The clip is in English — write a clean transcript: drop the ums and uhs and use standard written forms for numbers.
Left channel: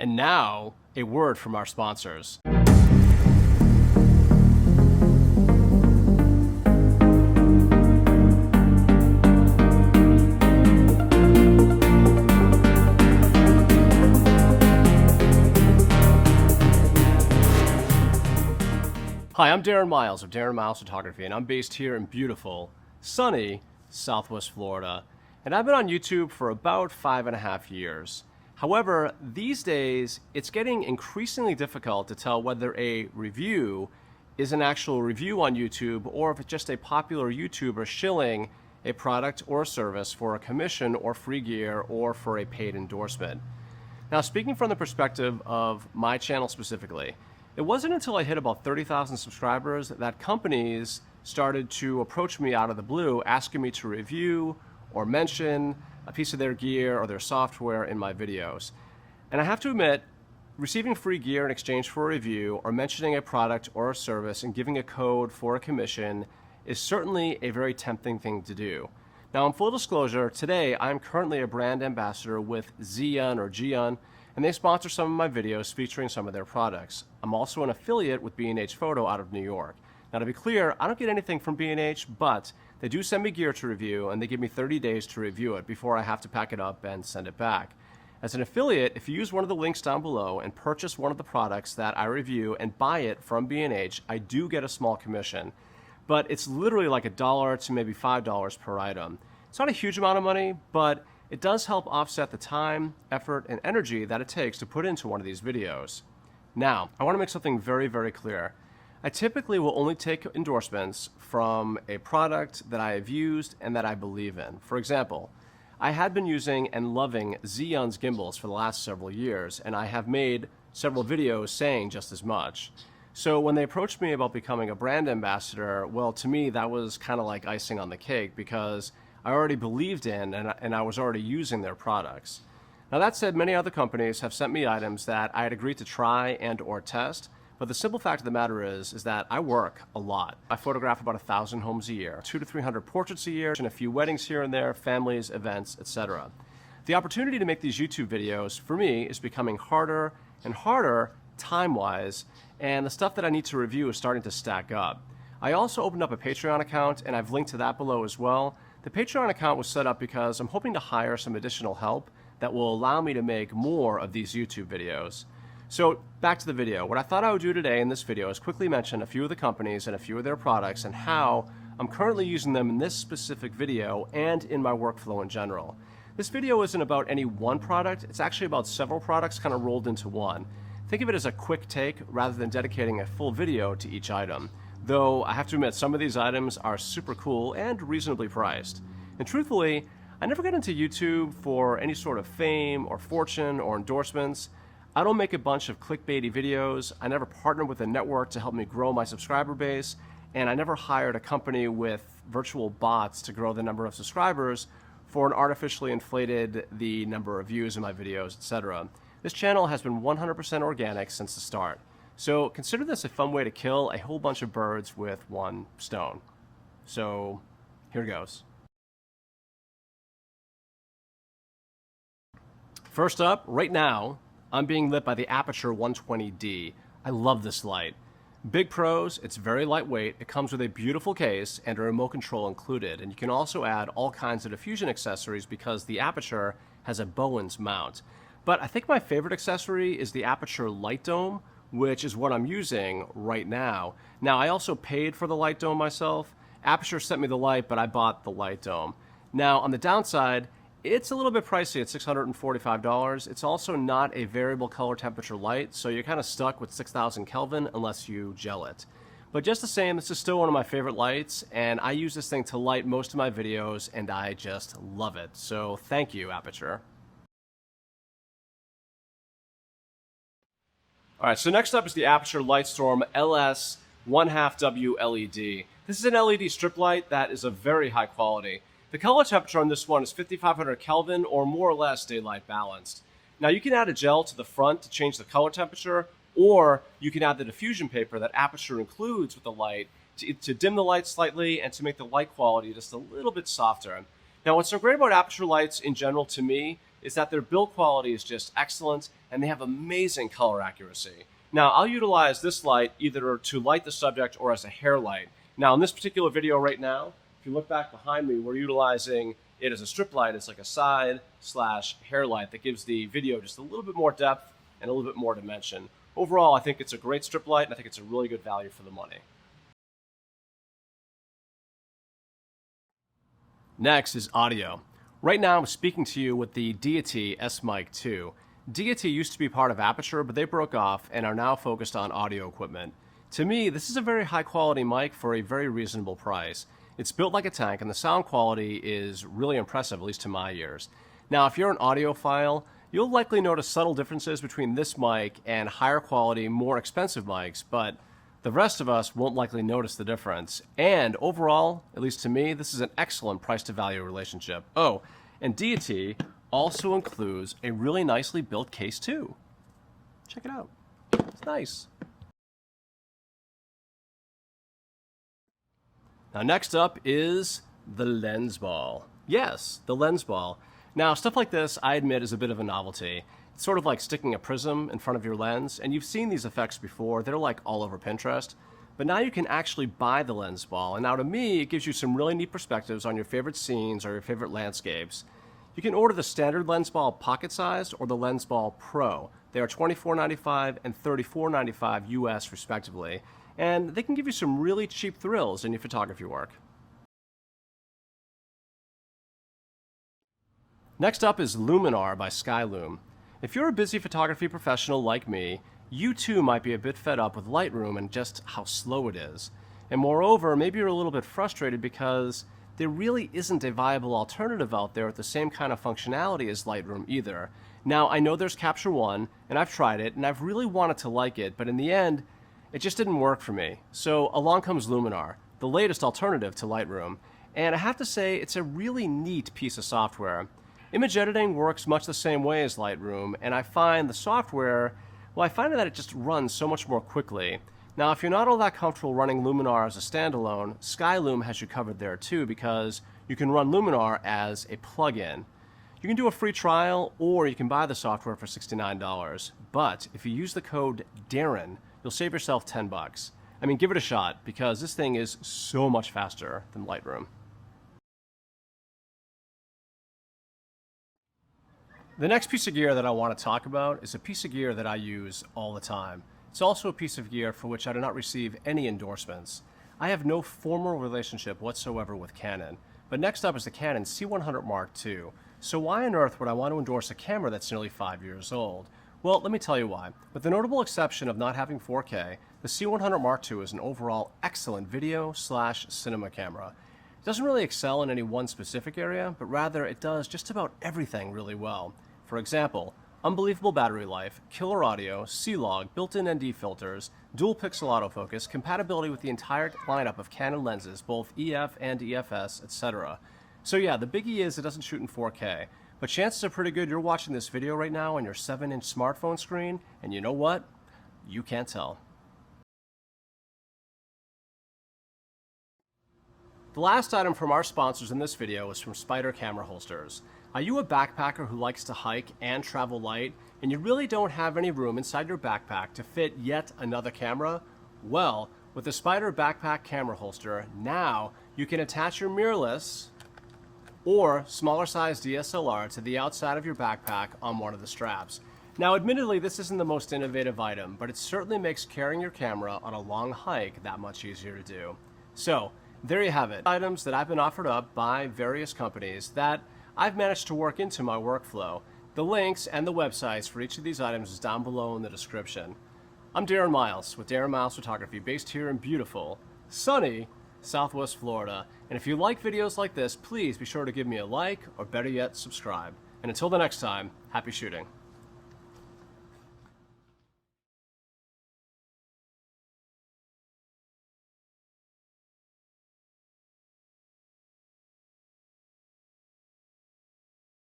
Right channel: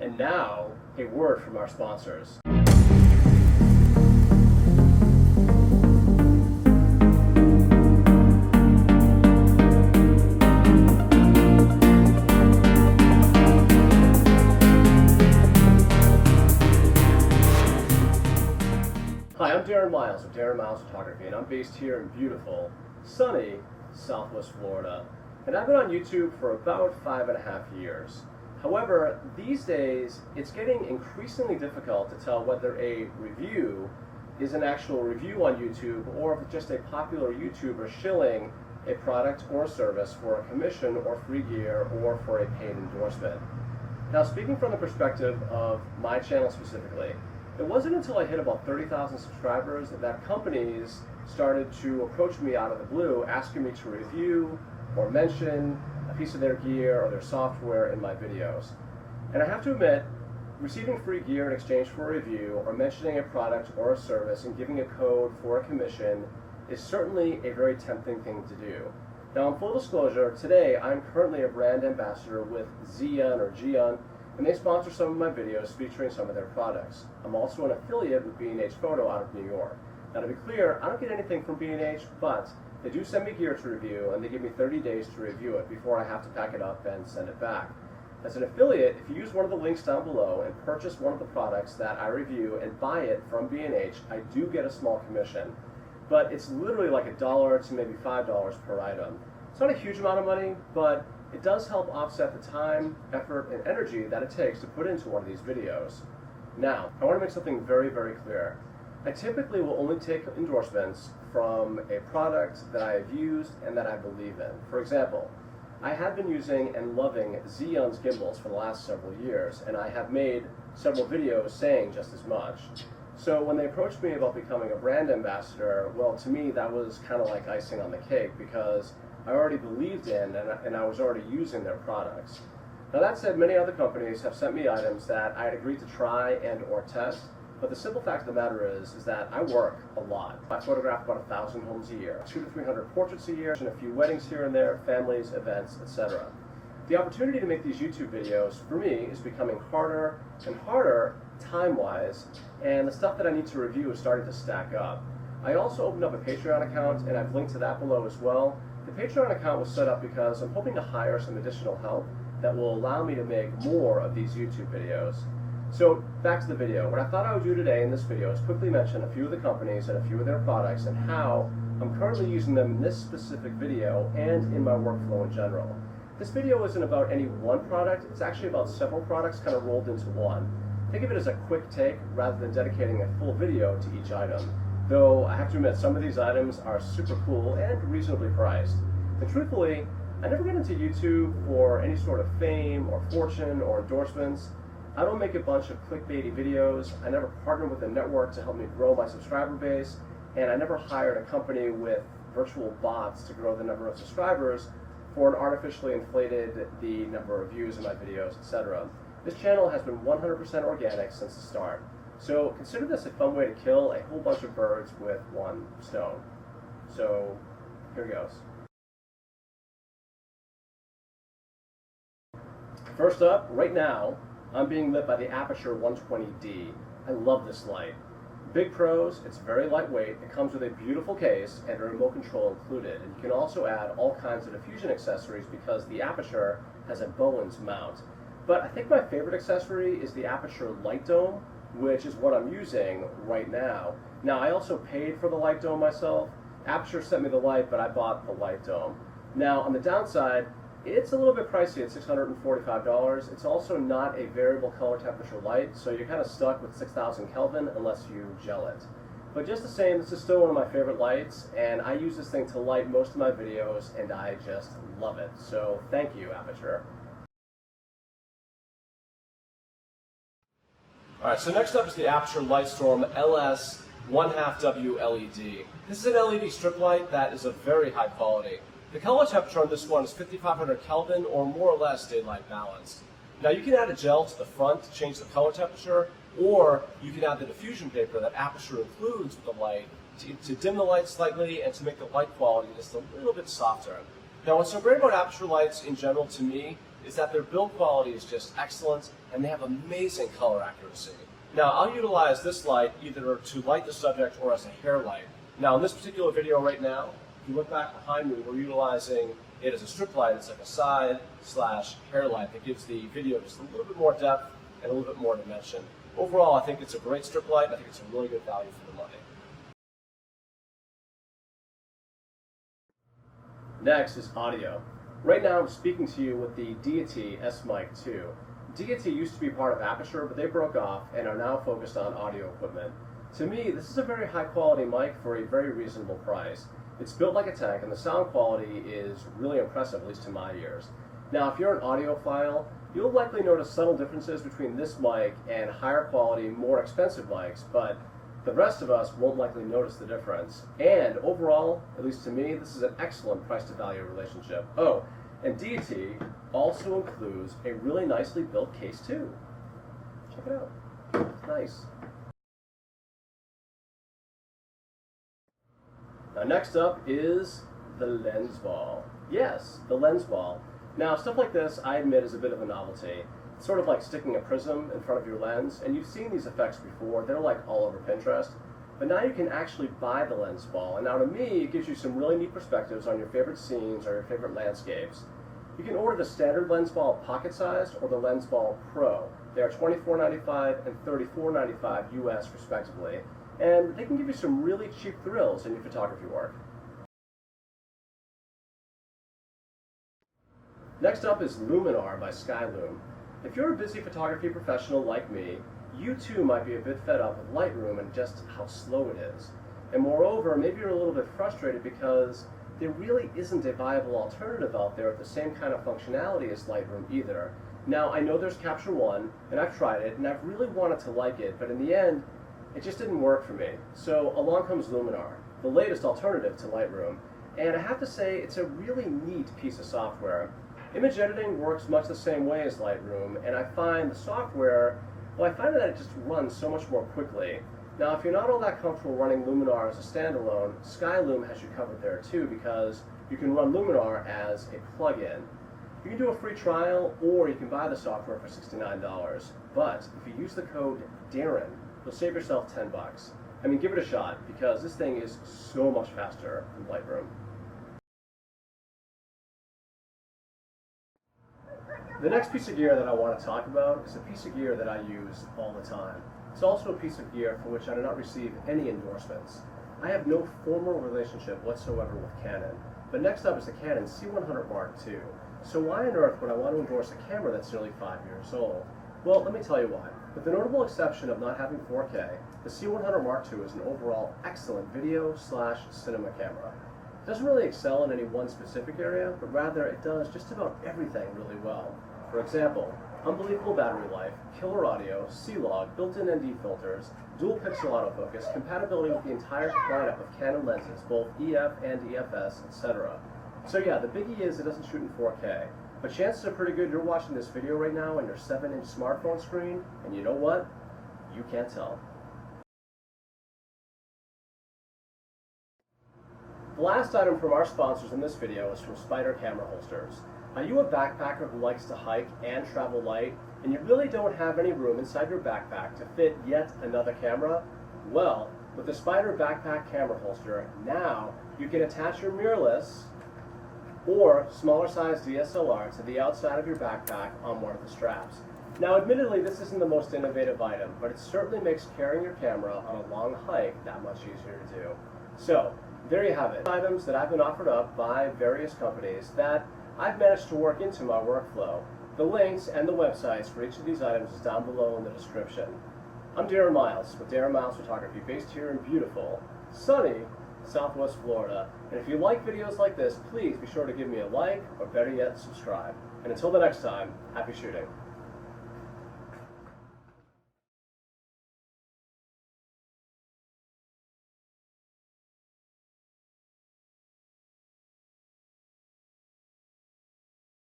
And now, a word from our sponsors. Hi, I'm Darren Miles of Darren Miles Photography, and I'm based here in beautiful, sunny Southwest Florida. And I've been on YouTube for about 5.5 years. However, these days, it's getting increasingly difficult to tell whether a review is an actual review on YouTube or if it's just a popular YouTuber shilling a product or a service for a commission or free gear or for a paid endorsement. Now, speaking from the perspective of my channel specifically, it wasn't until I hit about 30,000 subscribers that companies started to approach me out of the blue asking me to review or mention a piece of their gear or their software in my videos. And I have to admit, receiving free gear in exchange for a review or mentioning a product or a service and giving a code for a commission is certainly a very tempting thing to do. Now, in full disclosure, today I'm currently a brand ambassador with Xeon, and they sponsor some of my videos featuring some of their products. I'm also an affiliate with B&H Photo out of New York. Now, to be clear, I don't get anything from B&H, but they do send me gear to review, and they give me 30 days to review it before I have to pack it up and send it back. As an affiliate, if you use one of the links down below and purchase one of the products that I review and buy it from B&H, I do get a small commission. But it's literally like $1 to maybe $5 per item. It's not a huge amount of money, but it does help offset the time, effort, and energy that it takes to put into one of these videos. Now, I want to make something very, very clear. I typically will only take endorsements from a product that I have used and that I believe in. For example, I have been using and loving Xeon's gimbals for the last several years, and I have made several videos saying just as much. So when they approached me about becoming a brand ambassador, well, to me that was kind of like icing on the cake because I already believed in and I was already using their products. Now, that said, many other companies have sent me items that I had agreed to try and or test. But the simple fact of the matter is that I work a lot. I photograph about 1,000 homes a year, 200 to 300 portraits a year, and a few weddings here and there, families, events, etc. The opportunity to make these YouTube videos, for me, is becoming harder and harder time-wise, and the stuff that I need to review is starting to stack up. I also opened up a Patreon account, and I've linked to that below as well. The Patreon account was set up because I'm hoping to hire some additional help that will allow me to make more of these YouTube videos. So back to the video. What I thought I would do today in this video is quickly mention a few of the companies and a few of their products and how I'm currently using them in this specific video and in my workflow in general. This video isn't about any one product, it's actually about several products kind of rolled into one. Think of it as a quick take rather than dedicating a full video to each item. Though I have to admit, some of these items are super cool and reasonably priced. And truthfully, I never got into YouTube for any sort of fame or fortune or endorsements. I don't make a bunch of clickbaity videos, I never partnered with a network to help me grow my subscriber base, and I never hired a company with virtual bots to grow the number of subscribers for an artificially inflated the number of views in my videos, etc. This channel has been 100% organic since the start. So consider this a fun way to kill a whole bunch of birds with one stone. So here goes. First up, right now, I'm being lit by the Aperture 120D. I love this light. Big pros, it's very lightweight, it comes with a beautiful case and a remote control included, and you can also add all kinds of diffusion accessories because the Aperture has a Bowens mount. But I think my favorite accessory is the Aperture light dome, which is what I'm using right now. Now, I also paid for the light dome myself. Aperture sent me the light, but I bought the light dome. Now, on the downside, it's a little bit pricey at $645. It's also not a variable color temperature light, so you're kind of stuck with 6,000 Kelvin unless you gel it. But just the same, this is still one of my favorite lights, and I use this thing to light most of my videos, and I just love it. So thank you, Aperture. Alright, so next up is the Aperture Light Storm LS 1/2 W LED. This is an LED strip light that is of very high quality. The color temperature on this one is 5,500 Kelvin, or more or less daylight balanced. Now, you can add a gel to the front to change the color temperature, or you can add the diffusion paper that Aperture includes with the light to dim the light slightly and to make the light quality just a little bit softer. Now, what's so great about Aperture lights in general to me is that their build quality is just excellent, and they have amazing color accuracy. Now, I'll utilize this light either to light the subject or as a hair light. Now, in this particular video right now, if you look back behind me, we're utilizing it as a strip light. It's like a side/hair light that gives the video just a little bit more depth and a little bit more dimension. Overall, I think it's a great strip light, and I think it's a really good value for the money. Next is audio. Right now, I'm speaking to you with the DTS Mic 2. DT used to be part of Aperture, but they broke off and are now focused on audio equipment. To me, this is a very high quality mic for a very reasonable price. It's built like a tank, and the sound quality is really impressive, at least to my ears. Now, if you're an audiophile, you'll likely notice subtle differences between this mic and higher quality, more expensive mics, but the rest of us won't likely notice the difference. And overall, at least to me, this is an excellent price to value relationship. Oh, and DT also includes a really nicely built case too. Check it out. It's nice. Now next up is the lens ball. Yes, the lens ball. Now stuff like this, I admit, is a bit of a novelty. It's sort of like sticking a prism in front of your lens, and you've seen these effects before. They're like all over Pinterest. But now you can actually buy the lens ball, and now to me, it gives you some really neat perspectives on your favorite scenes or your favorite landscapes. You can order the standard lens ball pocket sized or the lens ball pro. They are $24.95 and $34.95 US respectively, and they can give you some really cheap thrills in your photography work. Next up is Luminar by Skyloom. If you're a busy photography professional like me, you too might be a bit fed up with Lightroom and just how slow it is. And moreover, maybe you're a little bit frustrated because there really isn't a viable alternative out there with the same kind of functionality as Lightroom either. Now, I know there's Capture One, and I've tried it, and I've really wanted to like it, but in the end, it just didn't work for me. So along comes Luminar, the latest alternative to Lightroom, and I have to say it's a really neat piece of software. Image editing works much the same way as Lightroom, and I find the software, well, I find that it just runs so much more quickly. Now, if you're not all that comfortable running Luminar as a standalone, Skyloom has you covered there too, because you can run Luminar as a plugin. You can do a free trial, or you can buy the software for $69. But if you use the code Darren, you'll save yourself 10 bucks. I mean, give it a shot, because this thing is so much faster than Lightroom. The next piece of gear that I want to talk about is a piece of gear that I use all the time. It's also a piece of gear for which I do not receive any endorsements. I have no formal relationship whatsoever with Canon. But next up is the Canon C100 Mark II. So why on earth would I want to endorse a camera that's nearly 5 years old? Well, let me tell you why. With the notable exception of not having 4K, the C100 Mark II is an overall excellent video/cinema camera. It doesn't really excel in any one specific area, but rather it does just about everything really well. For example, unbelievable battery life, killer audio, C-Log, built-in ND filters, dual pixel autofocus, compatibility with the entire lineup of Canon lenses, both EF and EFS, etc. So yeah, the biggie is it doesn't shoot in 4K, but chances are pretty good you're watching this video right now on your 7-inch smartphone screen, and you know what? You can't tell. The last item from our sponsors in this video is from Spyder camera holsters. Are you a backpacker who likes to hike and travel light, and you really don't have any room inside your backpack to fit yet another camera? Well, with the Spyder backpack camera holster, now you can attach your mirrorless or smaller size DSLR to the outside of your backpack on one of the straps. Now, admittedly, this isn't the most innovative item, but it certainly makes carrying your camera on a long hike that much easier to do. So, there you have it. Items that I've been offered up by various companies that I've managed to work into my workflow. The links and the websites for each of these items is down below in the description. I'm Darren Miles with Darren Miles Photography, based here in beautiful, sunny Southwest Florida. And if you like videos like this, please be sure to give me a like, or better yet, subscribe. And until the next time, happy shooting.